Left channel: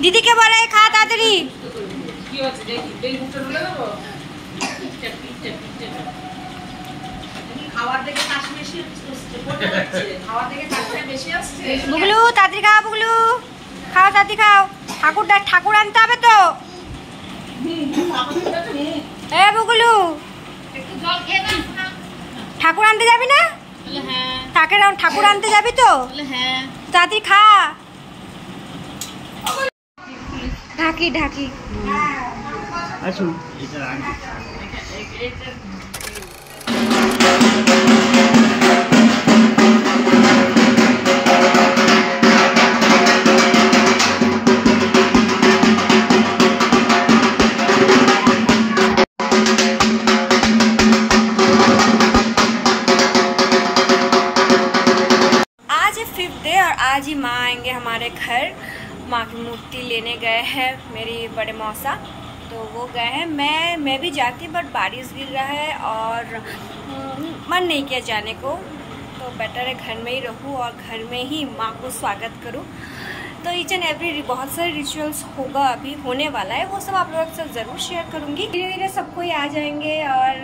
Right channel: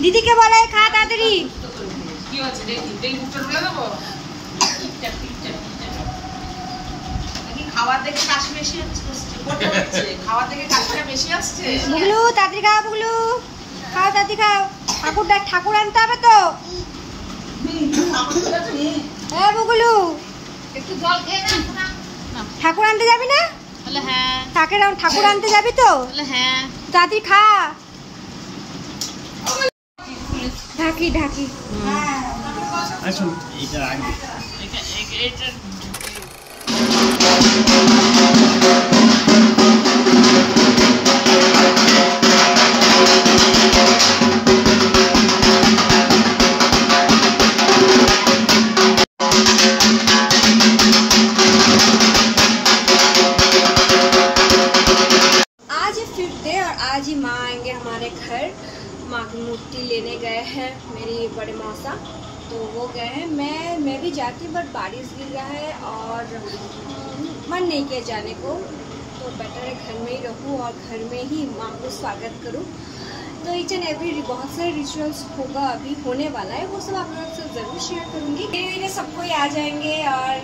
दीदी के बोला खा ताड़ी बुगलू ताड़ी खाओ बुगलू खाओ ताड़ी खाओ ठाकुर आनते হবে তো এ বুগলু একটু জল খেয়ে না ঠাকুর আনতে যাবি না বলে হ্যাঁ ঠাকুর আনতে যাবি তো বলে হ্যাঁ তাড়াতাড়ি খা ঢাকি ঢাকি আসুন এটা আগে এটা आज ही माँ आएंगे हमारे घर। माँ की मूर्ति लेने गए हैं मेरी बड़े मौसा, तो वो गए हैं। मैं भी जाती बट बारिश गिर रहा है और मन नहीं किया जाने को, तो बेटर है घर में ही रहूँ और घर में ही माँ को स्वागत करूँ। तो ईच एंड एवरी बहुत सारे रिचुअल्स होगा, अभी होने वाला है, वो सब आप लोगों के साथ ज़रूर शेयर करूँगी। धीरे धीरे सबको ही आ जाएंगे और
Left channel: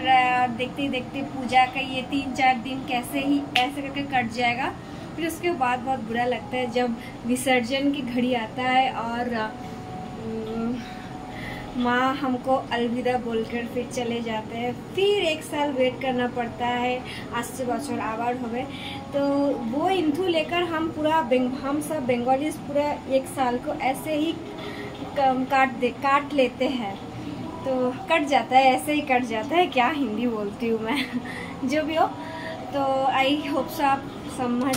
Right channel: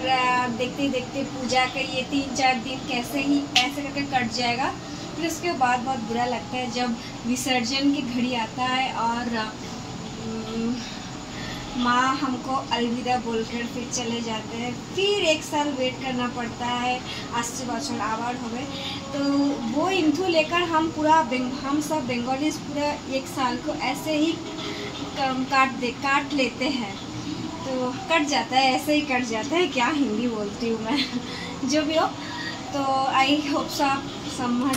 देखते देखते पूजा का ये 3-4 दिन कैसे ही ऐसे करके कट जाएगा। फिर उसके बाद बहुत बुरा लगता है जब विसर्जन की घड़ी आता है और माँ हमको अलविदा बोलकर फिर चले जाते हैं। फिर 1 साल वेट करना पड़ता है, 80 बछर आबार होवे। तो वो इंथू लेकर हम सब बंगालीज पूरा 1 साल को ऐसे ही काट लेते हैं। तो कट जाता है, ऐसे ही कट जाता है। क्या हिंदी बोलती हूँ मैं जो भी हो। तो आई होप सो आप समझ।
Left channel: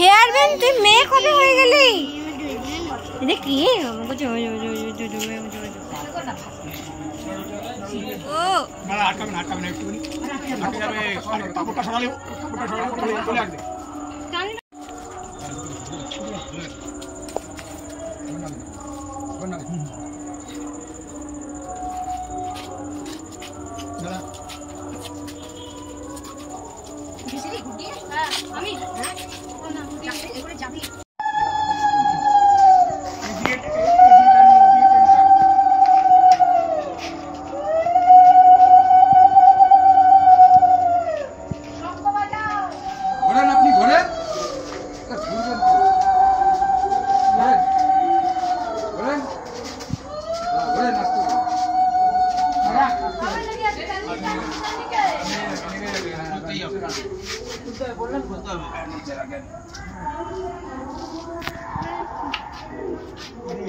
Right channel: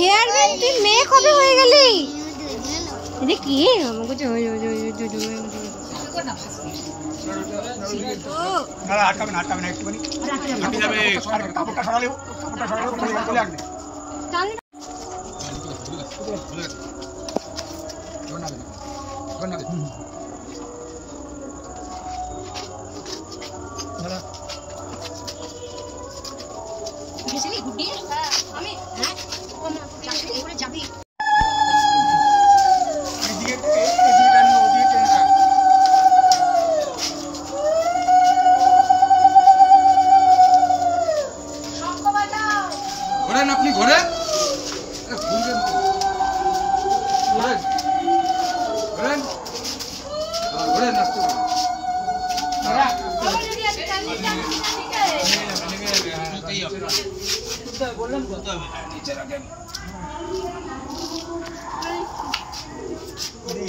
हेयर बैंड তুই মেয়ে কবে হয়ে গেলি? এটা কি আমাকে ও না আটকাবে না একটুখানি যাবে কাপড়টা সরালে চলে আসবে যাবি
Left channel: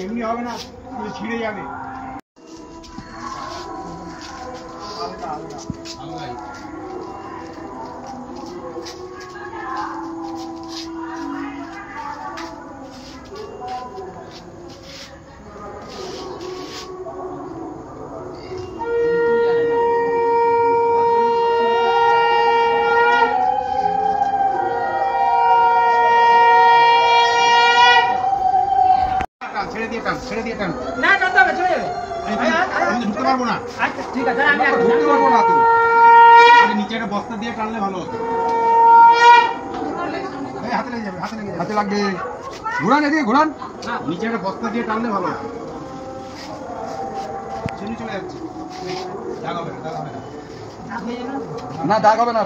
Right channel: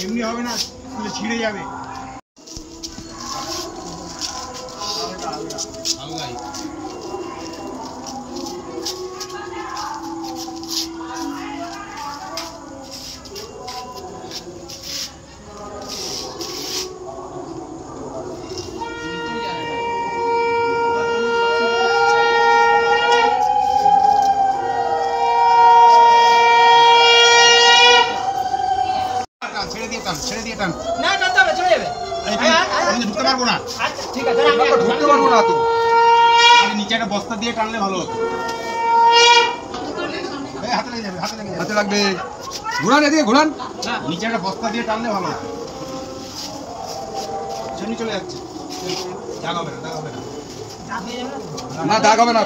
এমনি হবে না, ছিঁড়ে যাবে। ছেড়ে দিয়ে টান না টানতে হবে, চলে যাবে। আমি ঢুকতে পারবো না। আচ্ছা ঠিক আছে, আমি ঢুকতে পারবো না। তো আমি নিচে একটা বস্তা দিয়ে টানলে ভালো হতো। এই হাতে লেগে যাবে, হাতে লাগবে। ঘোরান এদিকে, ঘোরান। নিচে একটা বস্তা দিয়ে টানলে ভালো হতো। শুনি চলে যাচ্ছে। দাগ হবে না, দাগ হবে না, দাগ হবে না।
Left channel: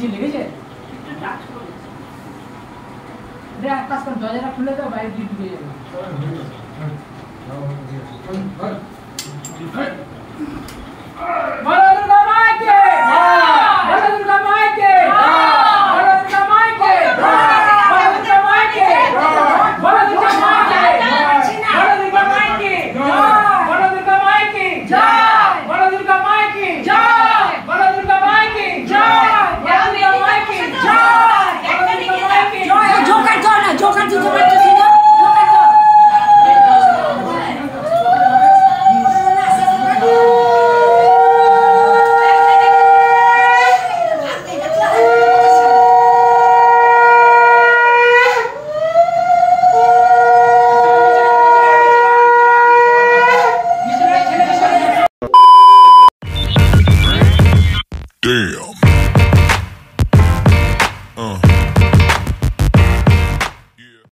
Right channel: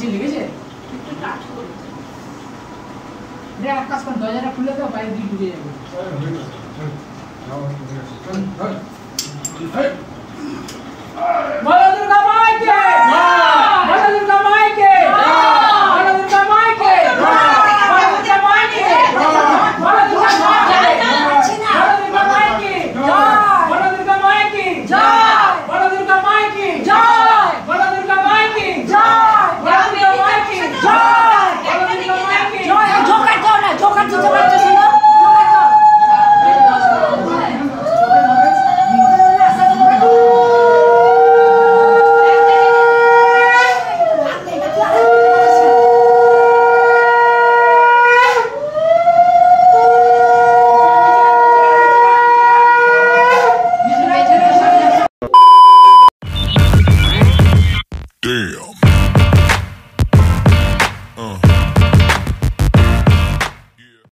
বেশি লেগেছে একটু টাচ করেছে। দেখ এক কাজ কর দরজাটা খুলে দাও বাইরে দিয়ে ঢুকে যাবে বলো দুর্গা মাইকে বলো দুর্গা মাইকে বলো দুর্গা মাইকে বলো দুর্গা মাইকে বলো দুর্গা মাইকে বলো দুর্গা মাইকে জয় বলো দুর্গা মাইকে জয় বলো দুর্গা মাইকে জয় বলো দুর্গা মাইকে জয় বলো দুর্গা মাইকে জয় জোকার দাও না জোকার দিতে পারছিস না জোকার দাও Damn.